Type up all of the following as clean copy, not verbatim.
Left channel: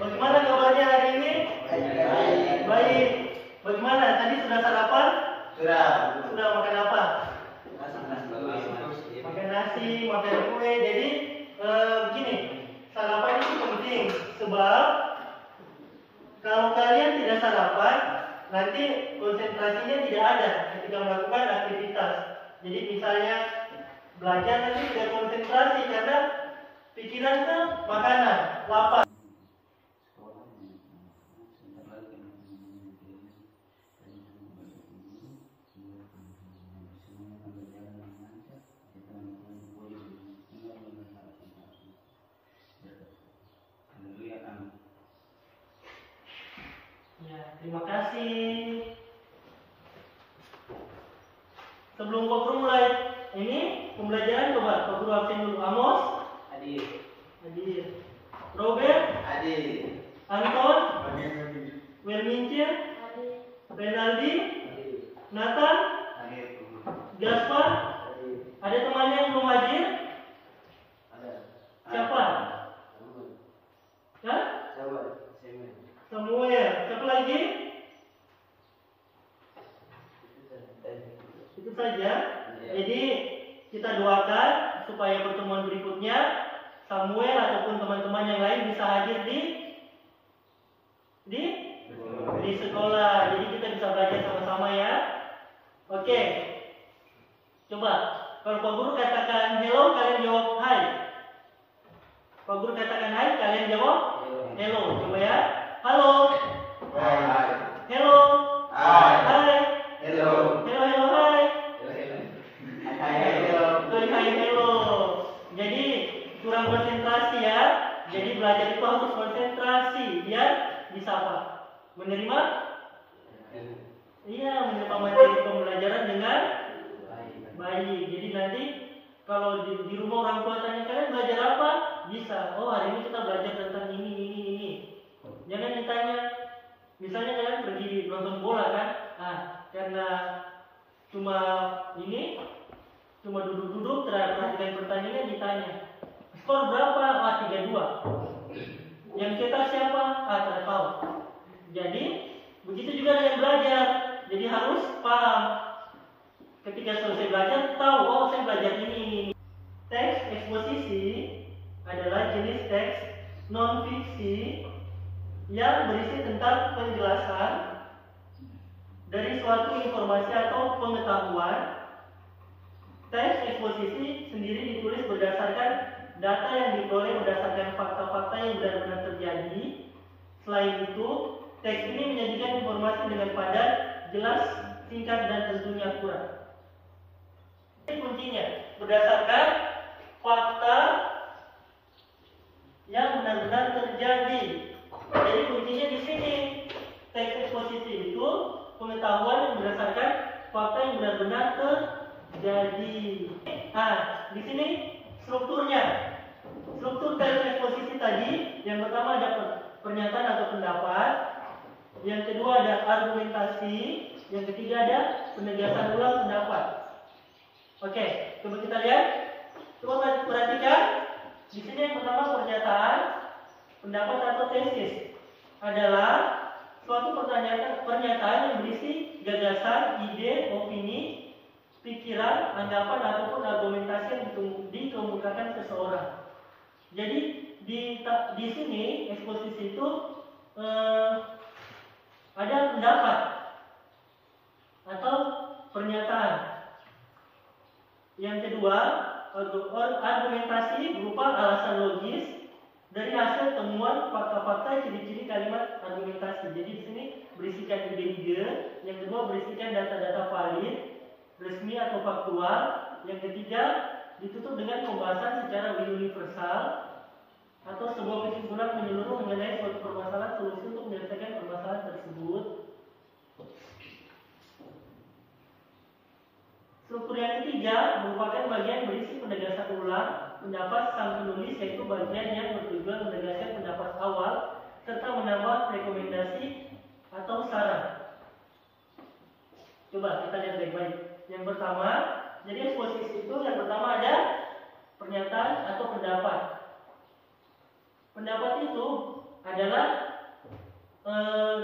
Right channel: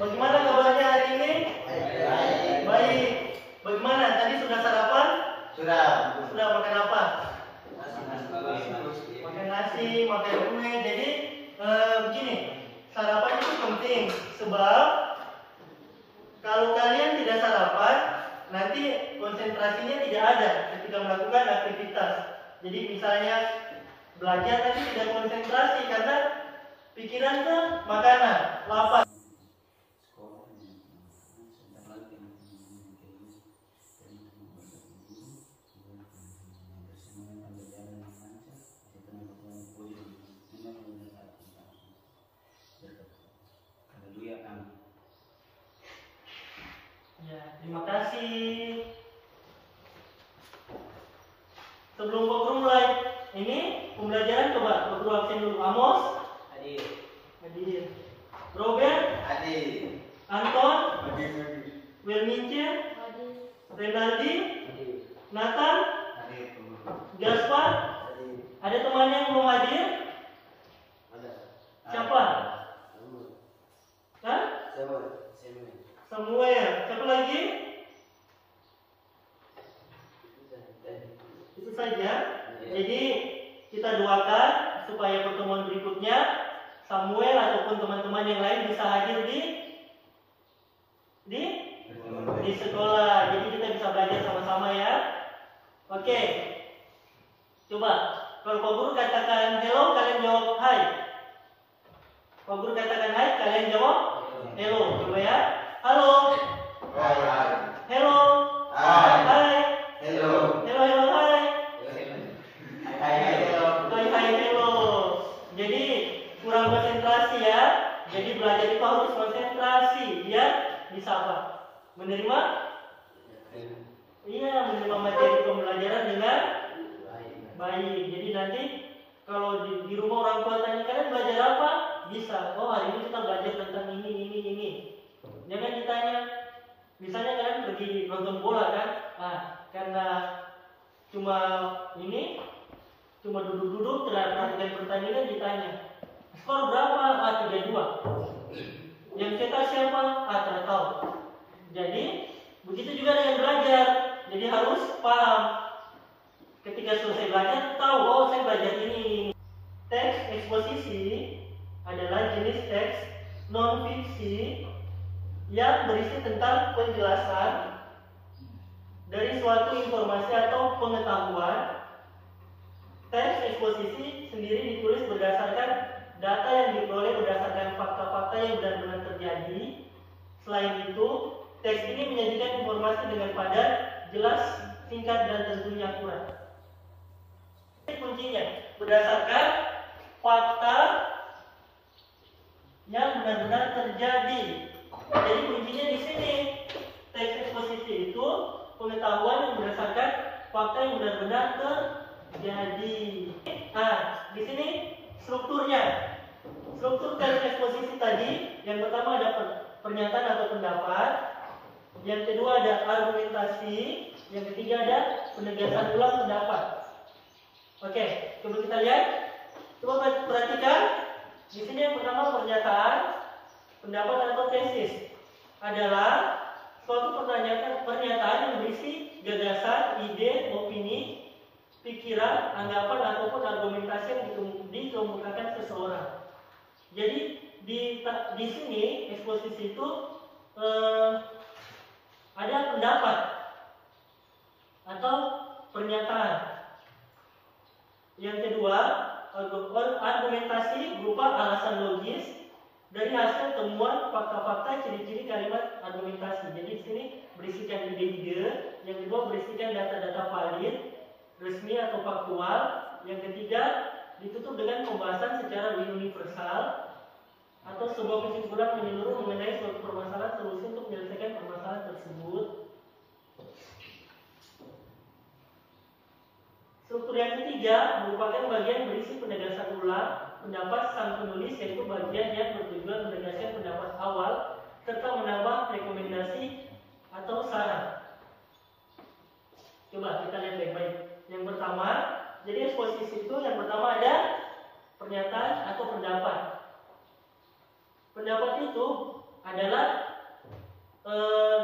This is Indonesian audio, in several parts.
Bagaimana kabarnya hari ini? Baik. Baik. Bagaimana? Tadi sudah sarapan? Sudah. Sudah makan apa? Nasi. Makan nasi, makan kue. Jadi begini, sarapan itu penting sebab kalau kalian tidak sarapan, nanti konsentrasinya tidak ada ketika melakukan aktivitas. Jadi misalnya belajar nanti tidak konsentrasi karena pikiran ke makanan, lapar. Ya, terima kasih. Sebelum Pak Guru mulai, ini pembelajaran coba Pak Guru absen dulu. Amos? Hadir. Hadir. Robert? Hadir. Anton? Hadir. Wilmince? Hadir. Renaldi? Hadir. Nathan? Hadir. Gaspar? Hadir. Ada temannya yang belum hadir? Ada. Siapa? Hah? Samuel. Siapa lagi? Itu saja. Jadi kita doakan supaya pertemuan berikutnya Samuel ataupun teman-teman yang lain bisa hadir di sekolah. Jadi kita bisa belajar sama-sama ya. Oke. Coba kalau Pak Guru katakan hello, kalian jawab hai. Pak Guru katakan hai, kalian jawab hello. Coba ya. Halo. Hai. Hello. Hai. Hai. Hello. Hello, hello, hai. Hai. Hello. Hai, hai, hello. Jadi kurang konsentrasi ya. Jadi belajar itu harus konsentrasi biar bisa apa? Menerima? Iya, menerima materi pembelajaran dengan baik. Jadi nanti kalau di rumah orang tua tanya kalian belajar apa? Bisa. Oh, hari ini kita belajar tentang ini. Jangan ditanya. Misalnya kalian pergi nonton bola kan? Nah, karena cuma duduk-duduk perhatikan pertandingan ditanya. Skor berapa? 3-2. Yang cetak siapa? Tidak tahu. Jadi begitu juga dengan belajar. Jadi harus paham. Ketika selesai belajar tahu, oh saya belajar ini. Teks eksposisi adalah jenis teks non fiksi yang berisi tentang penjelasan dari suatu informasi atau pengetahuan. Teks eksposisi sendiri ditulis berdasarkan data yang diperoleh berdasarkan fakta-fakta yang benar-benar terjadi. Selain itu, teks ini menyajikan informasi dengan padat, jelas, singkat, dan tentunya akurat. Ini kuncinya berdasarkan fakta yang benar-benar terjadi. Jadi kuncinya di sini. Teks eksposisi itu pengetahuan yang berdasarkan fakta yang benar-benar terjadi. Nah, di sini strukturnya. Struktur teks eksposisi tadi, yang pertama ada pernyataan atau pendapat, yang kedua ada argumentasi, yang ketiga ada penegasan ulang pendapat. Oke, coba kita lihat. Coba perhatikan. Di sini yang pertama pernyataan, pendapat atau tesis adalah suatu pernyataan yang berisi gagasan, ide, opini, pikiran, anggapan ataupun argumentasi yang dikemukakan seseorang. Jadi di sini eksposisi itu ada pendapat atau pernyataan. Yang kedua, argumentasi berupa alasan logis dari hasil temuan fakta-fakta ciri-ciri kalimat argumentasi. Jadi di sini berisikan ide-ide, yang kedua berisikan data-data valid, resmi atau faktual, yang ketiga ditutup dengan pembahasan secara universal atau sebuah kesimpulan menyeluruh mengenai suatu permasalahan, solusi untuk menyelesaikan permasalahan tersebut. Struktur yang ketiga merupakan bagian berisi penegasan ulang pendapat sang penulis, yaitu bagian yang bertujuan menegaskan pendapat awal serta menambah rekomendasi atau saran. Coba kita lihat baik-baik. Yang pertama, jadi eksposisi itu yang pertama ada pernyataan atau pendapat. Pendapat itu adalah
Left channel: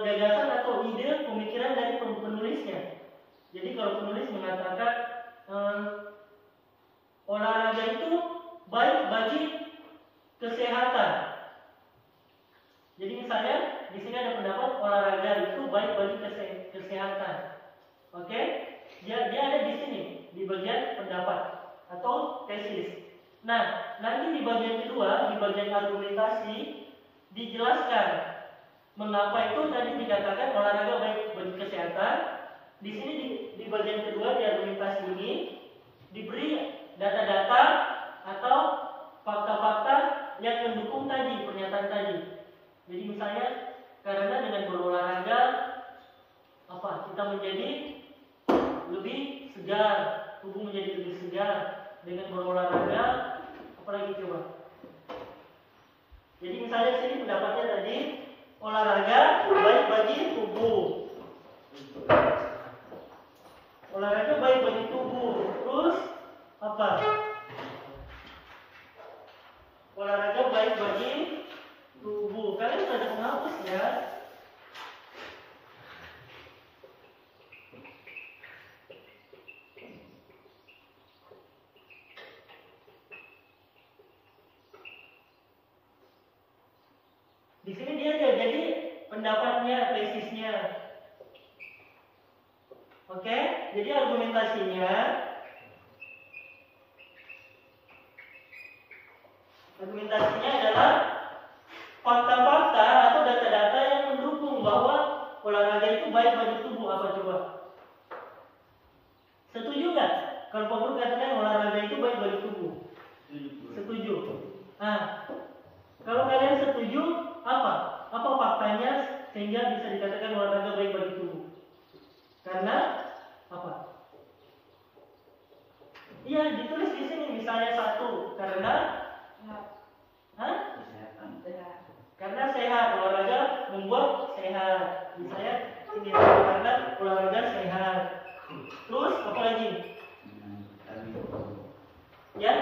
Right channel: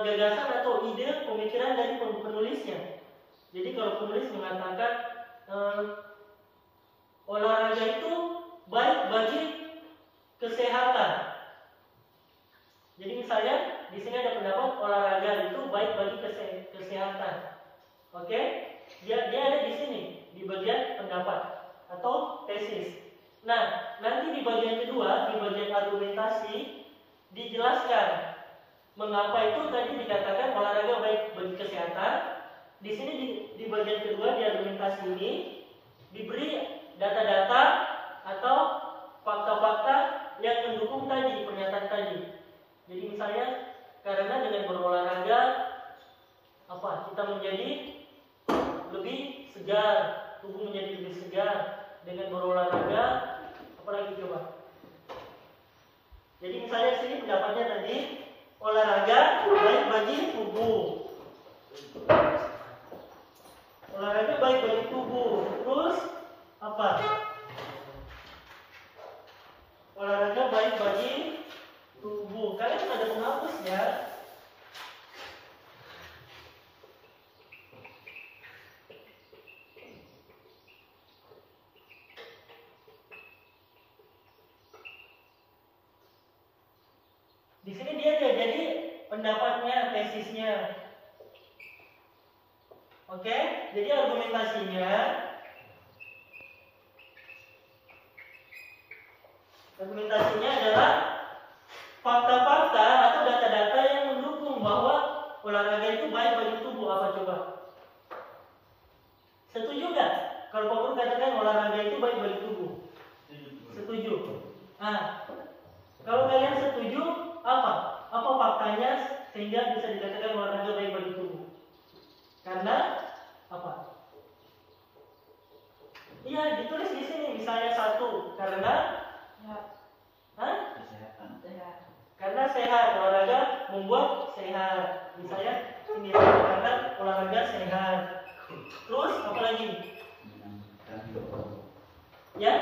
gagasan atau ide pemikiran dari penulisnya. Jadi kalau penulis mengatakan olahraga itu baik bagi kesehatan. Jadi misalnya di sini ada pendapat olahraga itu baik bagi kesehatan. Oke? Dia ada di sini di bagian pendapat atau tesis. Nah, nanti di bagian kedua, di bagian argumentasi dijelaskan mengapa itu tadi dikatakan olahraga baik bagi kesehatan. Di sini di bagian kedua di argumentasi ini diberi data-data atau fakta-fakta yang mendukung tadi pernyataan tadi. Jadi misalnya karena dengan berolahraga kita menjadi lebih segar, tubuh menjadi lebih segar dengan berolahraga. Apalagi coba. Jadi misalnya di sini pendapatnya tadi olahraga baik bagi tubuh. Olahraga baik bagi tubuh. Terus apa? Olahraga baik bagi tubuh. Kalian sudah ada penghapus ya? Di sini dia jadi pendapatnya, tesisnya. Oke? Jadi argumentasinya adalah fakta-fakta atau data-data yang mendukung bahwa olahraga itu baik bagi tubuh. Apa coba? Setuju nggak? Kalau Pak Guru katakan olahraga itu baik bagi tubuh. Setuju. Nah, kalau kalian setuju, apa faktanya sehingga bisa dikatakan olahraga baik bagi tubuh? Karena apa? Iya, ditulis di sini misalnya satu karena karena sehat, olahraga membuat sehat. Misalnya ini karena olahraga sehat. Terus apa lagi? Ya?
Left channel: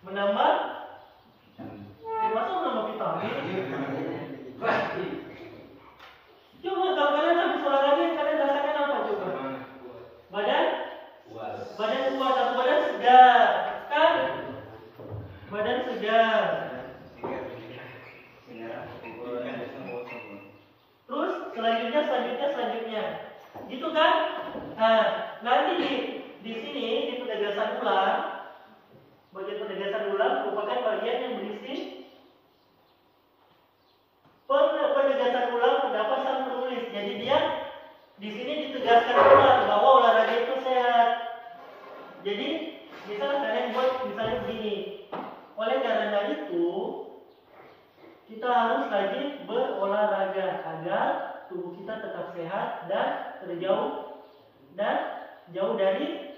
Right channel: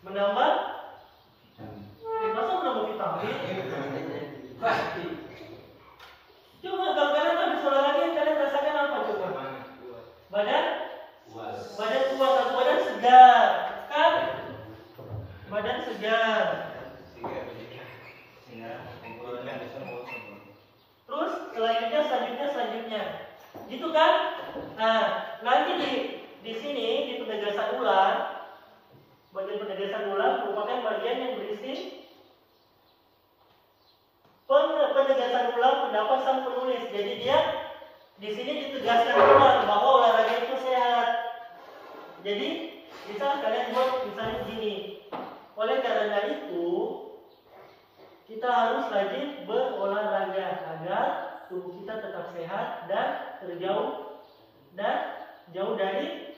Menambah? Masa menambah vitamin? Coba kalau kalian habis olahraga, kalian rasakan apa coba? Badan kuat atau badan segar, kan? Badan segar. Terus selanjutnya, gitu kan? Nah, nanti di sini di penegasan ulang, bagian penegasan ulang merupakan bagian yang berisi penegasan ulang pendapat sang penulis. Jadi dia di sini ditegaskan ulang bahwa olahraga itu sehat. Jadi misal kalian buat misalnya begini. Oleh karena itu kita harus rajin berolahraga agar tubuh kita tetap sehat dan jauh dari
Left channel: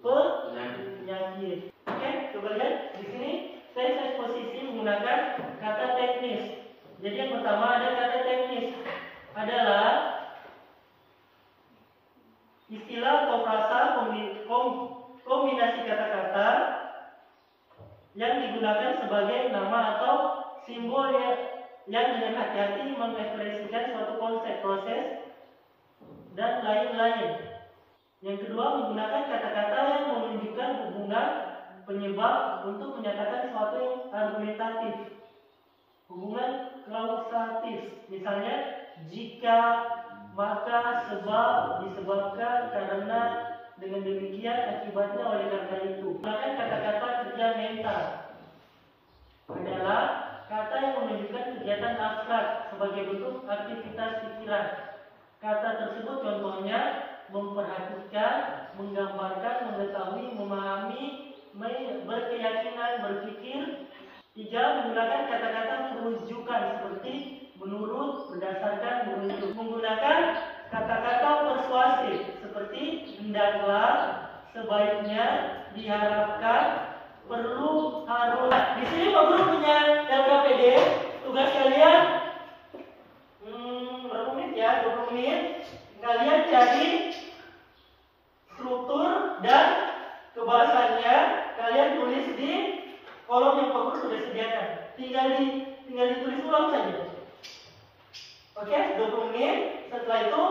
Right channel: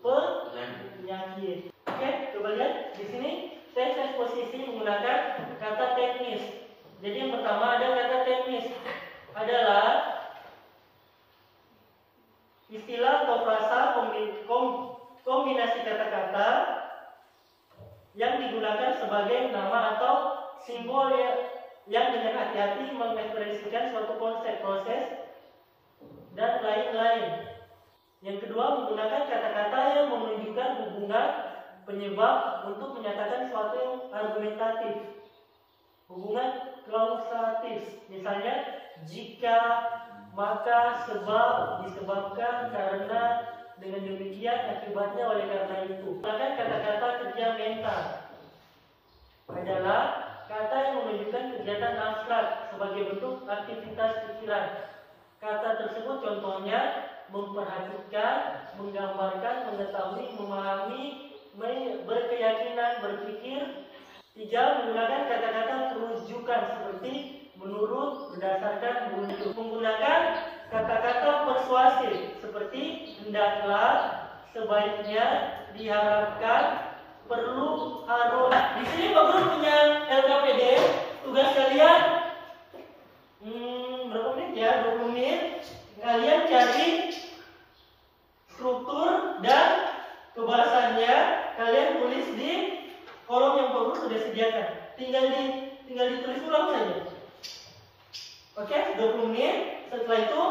penyakit. Oke, coba lihat di sini saya posisi menggunakan kata teknis. Jadi yang pertama ada kata teknis adalah istilah atau frasa kombinasi kata-kata yang digunakan sebagai nama atau simbol yang dengan hati-hati mengekspresikan suatu konsep, proses, dan lain-lain. Yang kedua, menggunakan kata-kata yang menunjukkan hubungan penyebab untuk menyatakan sesuatu yang argumentatif. Hubungan klausatif, misalnya jika, maka, sebab, disebabkan, karena, dengan demikian, akibatnya, oleh karena itu. Menggunakan kata-kata kerja mental adalah kata yang menunjukkan kegiatan abstrak sebagai bentuk aktivitas pikiran. Kata tersebut contohnya memperhatikan, menggambarkan, mengetahui, memahami, berkeyakinan, berpikir. 3. Menggunakan kata-kata perujukan seperti menurut, berdasarkan, merujuk. Menggunakan kata-kata persuasif seperti hendaklah, sebaiknya, diharapkan, perlu, harus. Di sini Pak Guru punya LKPD. Tugas kalian berapa menit ya? 20 menit. Kalian cari struktur dan kebahasannya. Kalian tulis di kolom yang Pak Guru sudah sediakan. Tinggal tinggal ditulis ulang saja. Oke, 20 menit. Setelah itu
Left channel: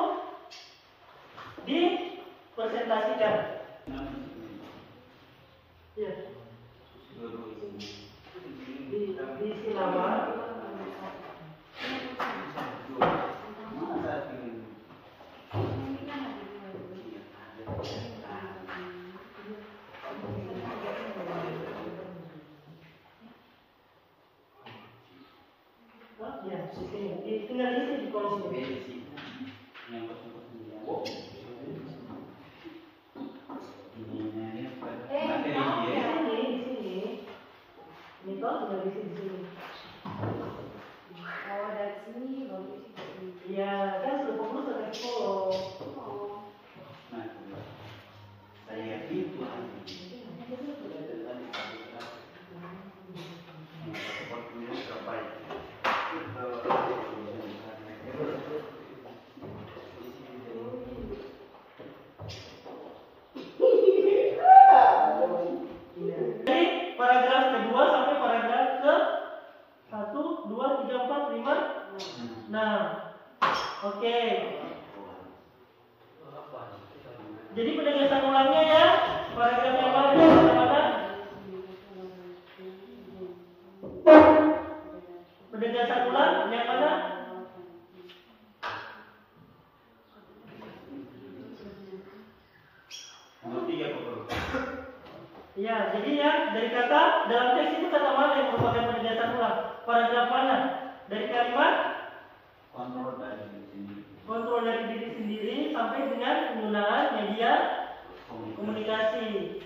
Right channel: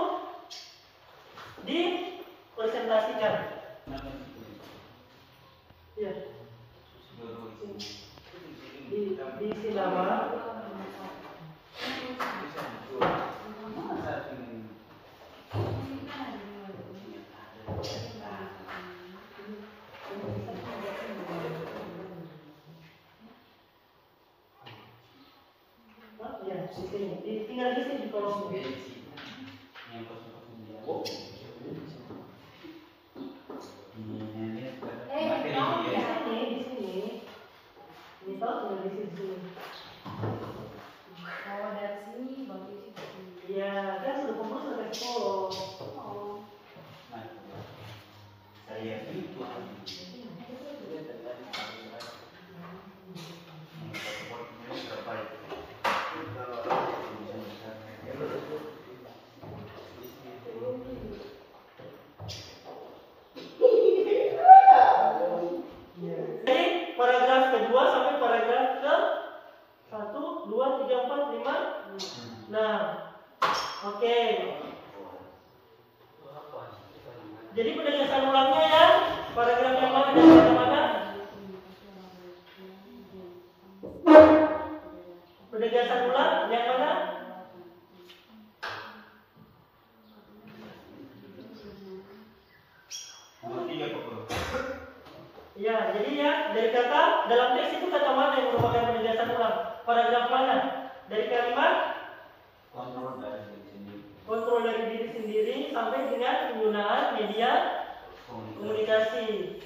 dipresentasikan. Ya. Diisi nama. Ya, di sini. Tinggal isi di kolom ini. Di sini. Ini tahu tinggal isi di sini. Oh, dari sini baru isi di sini. Iya, kan sudah pengurus ada di kolom. Oh. Jadi paragraf kedua sampai paragraf ke 1, 2, 3, 4, 5. Nah, oke. Jadi penegasan ulangnya ya, paragraf yang mana? Yang mana? Penegasan ulang yang mana? Ya, jadi ya dari kata dalam teks itu kata mana yang merupakan penegasan ulang? Paragraf mana? Dari kalimat kontrol dari diri sendiri sampai dengan penggunaan media komunikasi.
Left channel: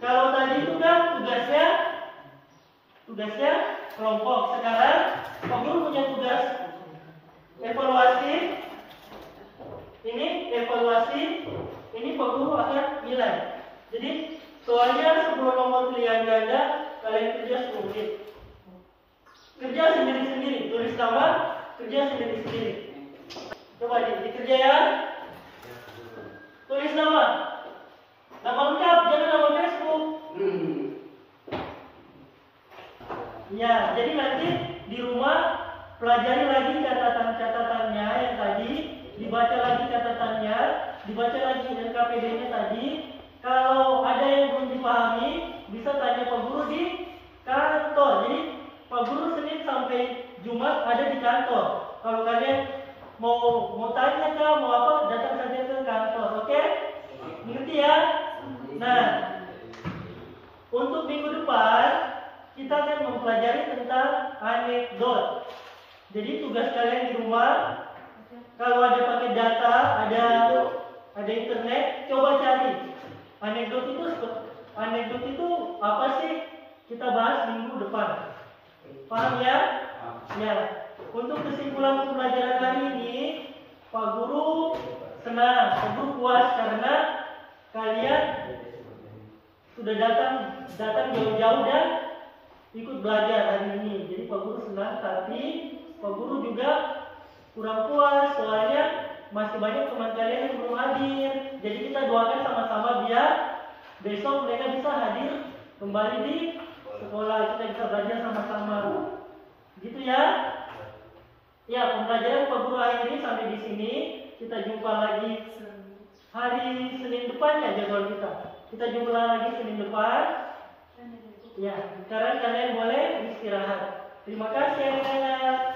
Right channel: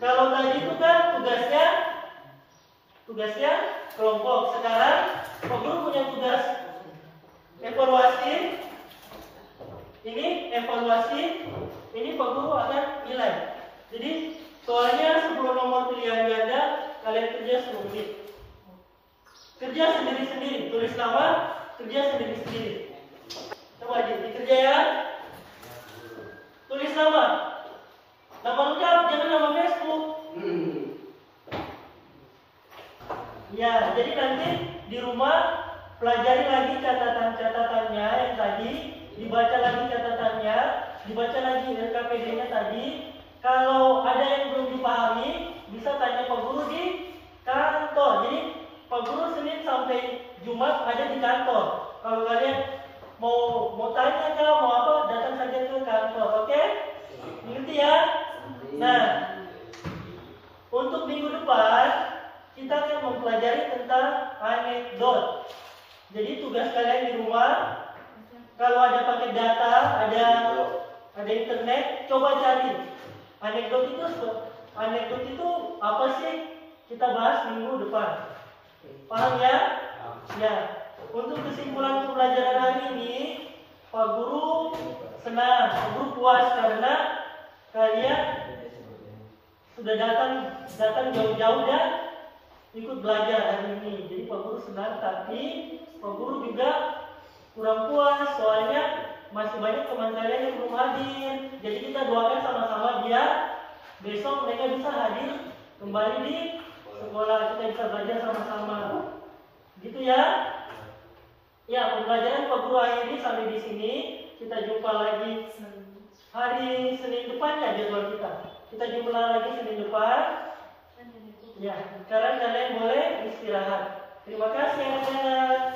Kalau tadi itu kan tugasnya kelompok. Sekarang Pak Guru punya tugas evaluasi. Ini evaluasi. Ini Pak Guru akan nilai. Jadi soalnya sebelum nomor pilihan ganda kalian kerja 10 menit. Kerja sendiri-sendiri, tulis nama, kerja sendiri-sendiri. Coba dikerja ya. Tulis nama. Nama lengkap, jangan nama Facebook. Ya, jadi nanti di rumah pelajari lagi catatan-catatannya yang tadi, dibaca lagi catatannya, dibaca lagi LKPD-nya tadi. Kalau ada yang belum dipahami, bisa tanya Pak Guru di kantor. Jadi Pak Guru Senin sampai Jumat ada di kantor. Kalau kalian mau tanya kah, mau apa, datang saja ke kantor. Oke? Mengerti ya? Nah, untuk minggu depan kita akan mempelajari tentang anekdot. Jadi tugas kalian di rumah, kalau ada pakai data, ada internet, coba cari anekdot itu apa sih? Kita bahas minggu depan. Paham ya? Ya. Untuk kesimpulan pembelajaran hari ini, Pak Guru senang, Pak Guru puas karena kalian sudah datang jauh-jauh dan ikut belajar hari ini. Jadi Pak Guru senang, tapi Pak Guru juga kurang puas soalnya masih banyak teman kalian yang belum hadir. Jadi kita doakan sama-sama biar besok mereka bisa hadir kembali di sekolah, kita bisa belajar sama-sama. Gitu ya. Ya, pembelajaran Pak Guru hari ini sampai di sini. Kita jumpa lagi hari Senin depan ya jadwal kita. Kita jumpa lagi Senin depan. Ya, sekarang kalian boleh istirahat. Terima kasih anak-anak.